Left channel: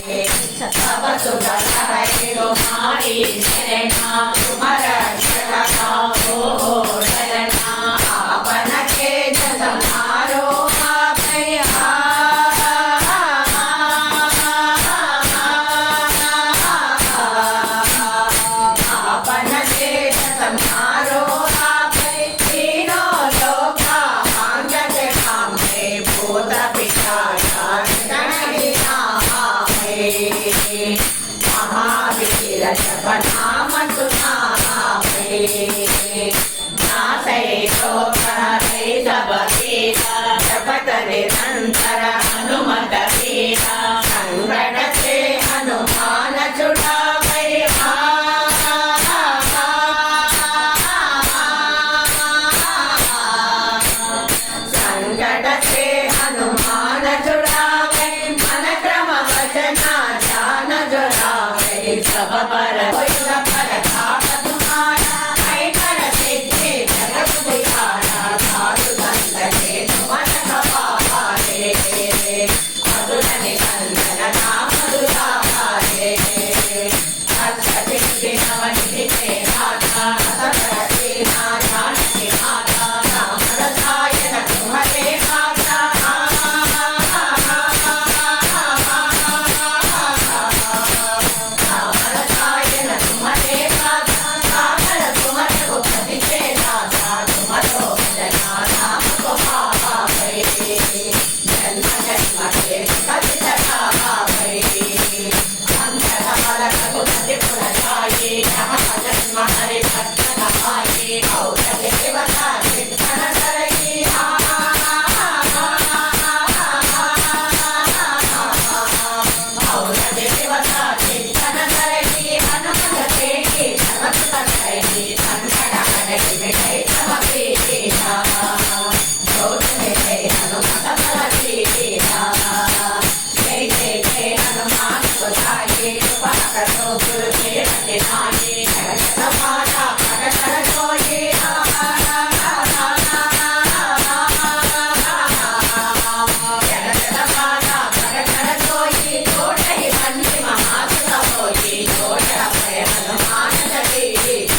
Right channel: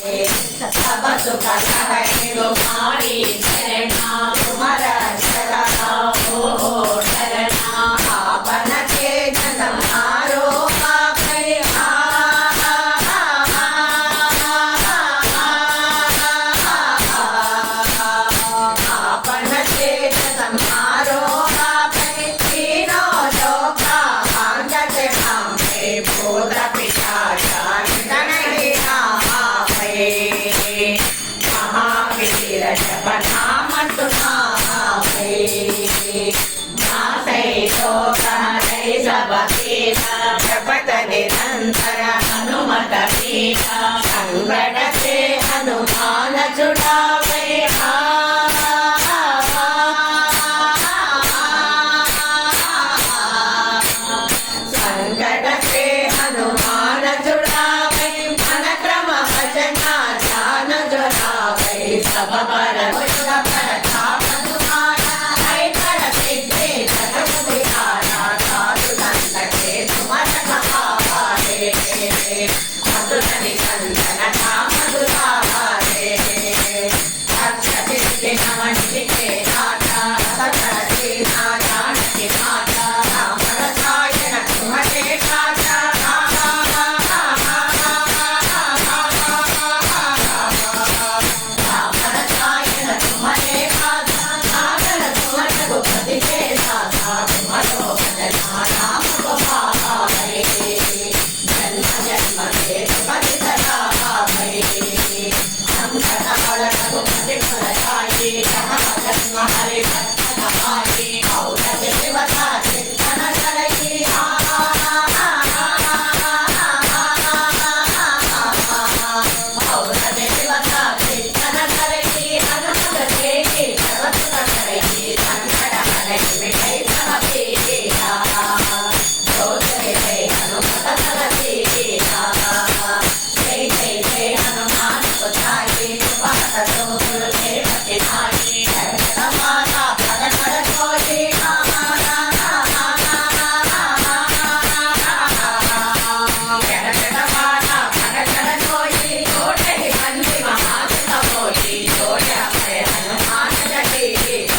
सब सुगत है तुम्हारी शरणा तुम्हार शरणा हो शरणा आपन के जगमारो आपन के जगमारो तीनों लोका अंगत खामे भूत पिशाचा महावीर जपनाम तुम्हारे नासै शोकहरै सब पीड़ा जपत निरंतर हनुमत वीरा संकट से हनुमान छुड़ावै संकट से हनुमान छुड़ावै मन क्रम वचना ध्यान जुड़ावै सब पर थाप तुम्हारा ऐकर सिद्धि जगत दिखाना साधु संत के सुमत कपारे मधुर निकंदन नाम दुलारे अक्षति सिद्धि नमन के नाथा सतरति नारायण के नाथा राम रसायन तुम्हारे खाता हरे